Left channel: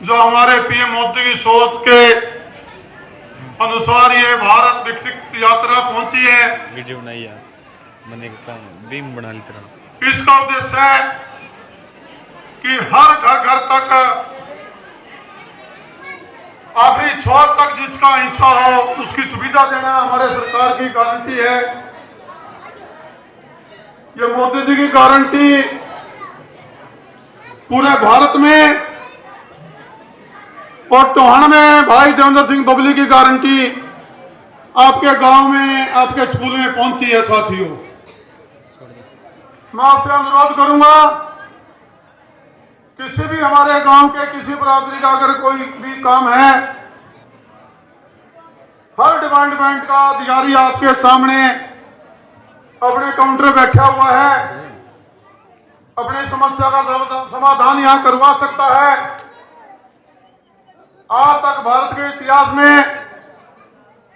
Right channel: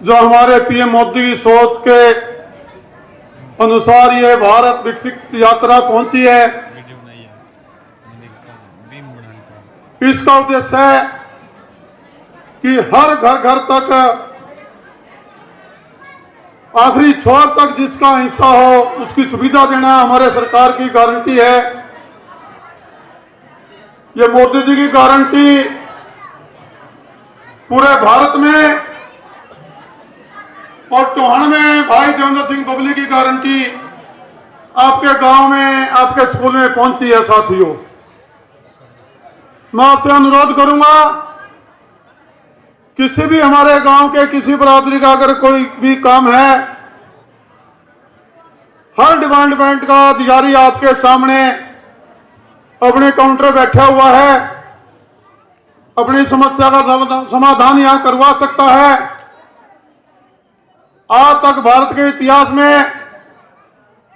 जो हमारे पीएम मोदी की सोच के अनुसार ये भारत विकसित यात्रा पहुंची है। वीडियो बनाई है, मैंने बीम बना ली तरह। इसका उद्देश्य है कि हर घर तक आखिरी छोर तक जिसका हिस्सा हो उसकी सुविधा देना हमारे सरकार की गारंटी है। ये मोदी जी की गारंटी पूरे भारत में और टोहण में भाई देवेंद्र सिंह बबली की गारंटी आपके गांव में, आपके स्कूल में पहुंची है। साथियों, मैं आपसे अनुरोध करूंगा, किसी भी हमारे गांव के किसी बरादरी का अगर कोई भी काम है, हर डिपार्टमेंट का अधिकारी आपके सामने अपने काउंटर बैठा हुआ है, अपनी समस्या का समाधान यहां करवा सकता है। आज तक भारत के इतिहास में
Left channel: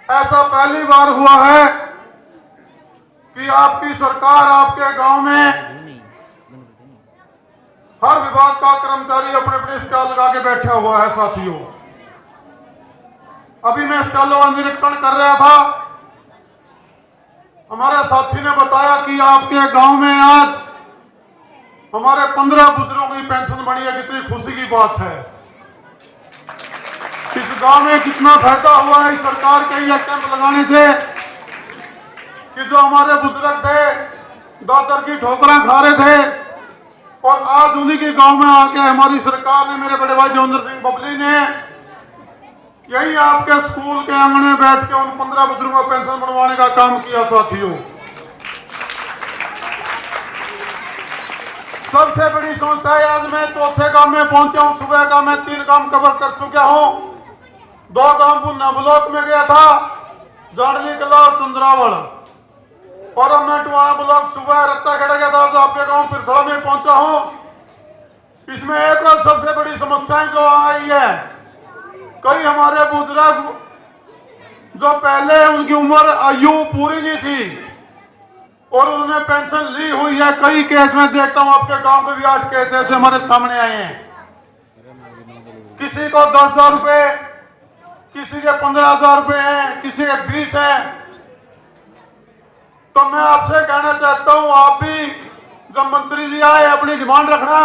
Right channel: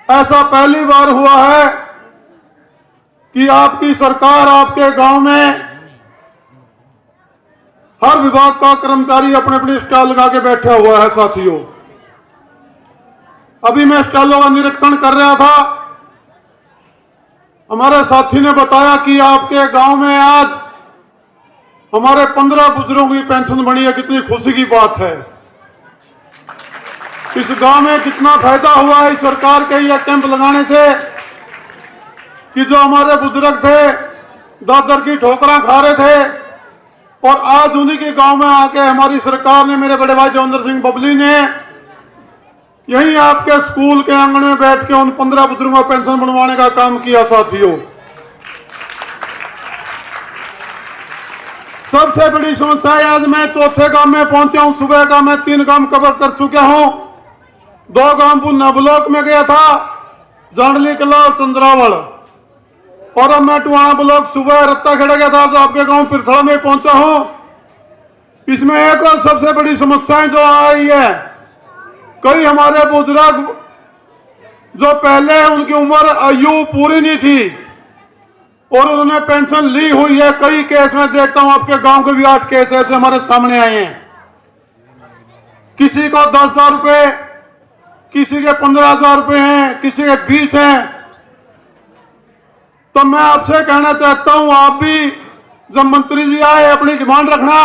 ऐसा पहली बार हुआ है कि आपकी सरकार आपके गांव में हर विभाग का कर्मचारी अपने अपने स्टॉल लगा के बैठा हुआ है। साथियों, अभी मैं स्टॉलों का निरीक्षण कर रहा था, हमारे साथी ने बताया कि आपके गांव में आज हमारे 15 बुजुर्गों की पेंशन बनी है। कितनी खुशी की बात है। इस गांव में कितना फायदा हुआ है इस सरकार के ये कैंप लगाने से कि जो हमारे बुजुर्ग थे दादर की ठोकरां खा रहे थे और आज उन्हीं के गांव में आके हमारी सरकार ने, मेरे बड़े भाई देवेंद्र सिंह बबली ने यही आपके स्कूल के आंगन में बैठ के उन 15 बुजुर्गों को पेंशन बनवाने का काम किया। साथियों, सबसे बड़ी समस्या है, आज मैं चौथे गांव में पहुंचा हूं। सुबह का मैं 3 गांव कवर कर चुका हूं। 2 गांव पुन्ना ब्लॉक में गया था, जांडली कला और चंद्रावल, और अब मैं टुआना ब्लॉक सुबह रत्ता खेड़ा गया था। आज आपके गांव पिरथड़ा में पहुंचा हूं। इसमें एक और सबसे बड़ी समस्याएं जो आ रही है, कई हमारे बुजुर्ग जो पहले उनकी उम्र आयु पूरी नहीं थी और उन्होंने पेंशन ली हुई है, कई केस में देखता हूं आपके गांव के भी 8 केस ऐसे हमारे सामने आए हैं। किसी को 10,000 रुपए, किसी के 15,000 रुपए हैं, किसी के 20 हैं। तो मैं आपसे कहना चाहता हूं, आप भी जब मंत्री जी आए अपनी डिमांड रखना,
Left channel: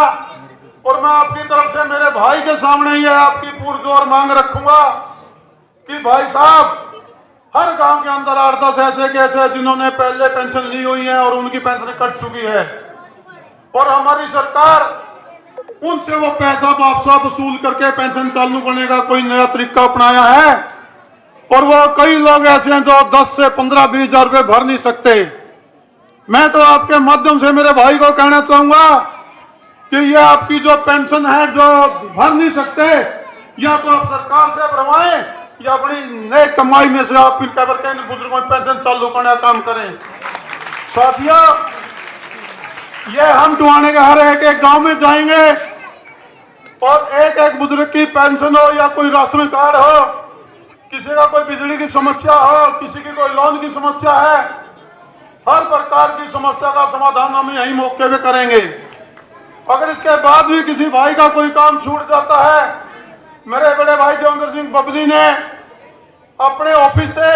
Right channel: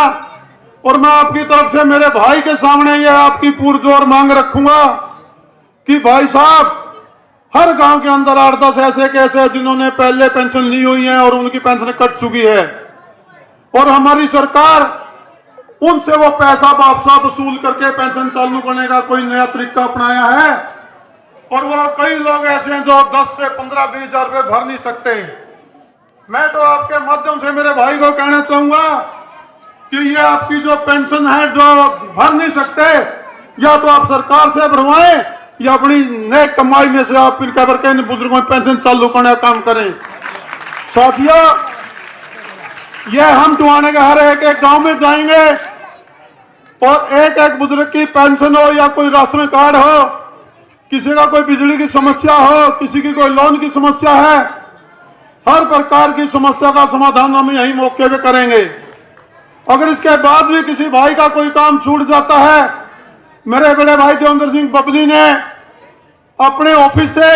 और मैं आपकी तरफ से मेरे भाई के सामने ये आपकी पुरजोर मांग रखूंगा कि भाई साहब, हर गांव के अंदर 8-10 ऐसे केस हैं जिन्होंने पहले पेंशन ली हुई है और उनकी पेंशन कट चुकी है, और हमारी सरकार उनसे वो पैसा वापसा वसूल करके पेंशन चालू करने का कोई नया तरीका अपनाया है। और वो कई लोग ऐसे हैं जो 10 से 15-20 हजार रुपए भर नहीं सकते। मैं तो आपके माध्यम से मेरे भाई को कहना चाहूंगा कि ये आपकी जो पेंशन है जो भर नहीं सकते, या तो आप सरकार से भरवाएं या अपनी नए कमाई में से आप फिर करके इन बुजुर्गों की पेंशन चालू करने का काम करें। साथियों, ये हम टुआने के हर एक गांव में जाएंगे और एक बुजुर्ग की पेंशन हो या कोई राशन कार्ड हो, किसी का कोई बिजली की समस्या हो, किसी की कोई लोन की समस्या है, हर प्रकार की समस्या का समाधान हम यही मौके पे करेंगे। अगर इसके बाद भी किसी भाई का कोई काम छूट जाता है, मेरे बड़े भाई देवेंद्र सिंह बबली ने अपने ऑफिस से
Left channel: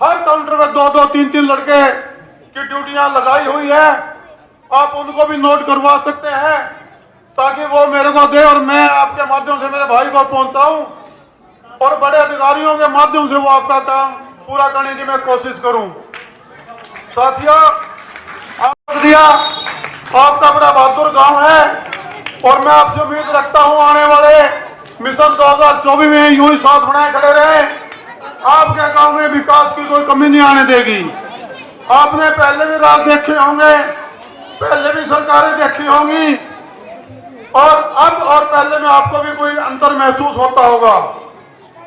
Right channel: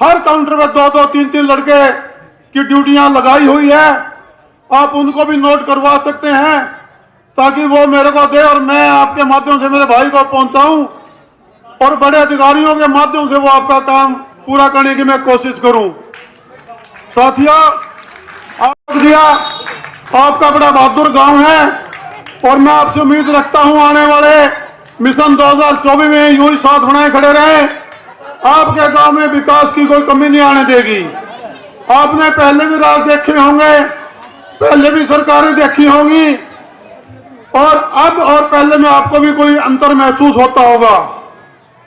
हर काउंटर में 2-2, 3-3 लड़के की ड्यूटियां लगाई हुई है। आप उनको भी नोट करवा सकते हैं ताकि वो मेरे को दे और मैं आपके माध्यम से मेरे भाई को पहुंचाऊं और बड़े अधिकारियों के माध्यम से वो आपका काम पूरा करने की मैं कोशिश करूं। साथियों, आपका बड़ा बहादुर गांव है और मैं आपसे उम्मीद रखता हूं आने वाले मिशन 2024 में यूं ही साथ बनाए खड़े रहे। आपके गांव में विकास की कोई कमी नहीं आने देगी। आपने पहले भी राज देखे होंगे, पहले भी सरकारें देखी होंगी, और अब और पहले में आपको भी कोई अंतर महसूस होता होगा।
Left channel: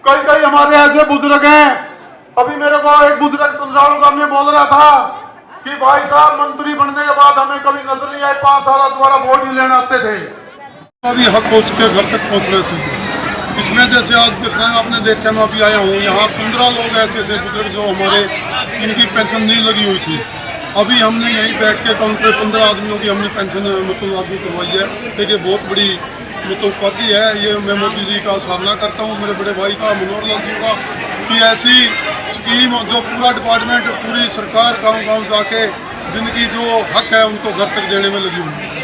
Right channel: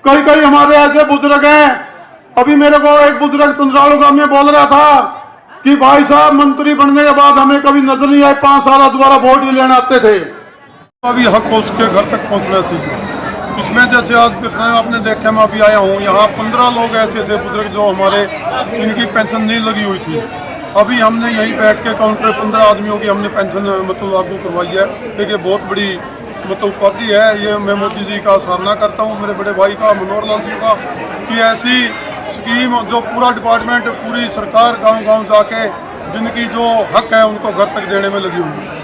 कई हमारे ऐसे बुजुर्ग हैं, अभी मेरे को एक बुजुर्ग चंद्रावल गांव में बोल रहा था कि भाई साहब, मंत्री बनने के बाद हमें कभी नजर नहीं आए, 5 साल दोबारा वोट ही लेने आते थे। अभी हक उसके घर तक पहुंचना चाहिए। इसमें जैसे आज देख रहे हैं, आपने देखा, मैं अभी आया हूँ, यहाँ 15 लोग ऐसे थे बुजुर्ग जो हमारे, इनकी पेंशन नहीं लगी हुई थी। अभी हमने यहीं बैठ के काउंटर 15 आदमियों की हमने पेंशन मतलब लागू करवाई है। देखिए, बहुत बड़ी मतलब उपाधि है, ये मैं मोदी जी का सराहना करता हूँ, मेरे बड़े भाई का मनोहर लाल जी का, कि ऐसी स्कीम जो पूरा डिपार्टमेंट पूरी सरकार गांव-गांव जाके जिनकी जो हक है उनको घर तक देने में लगी हुई है।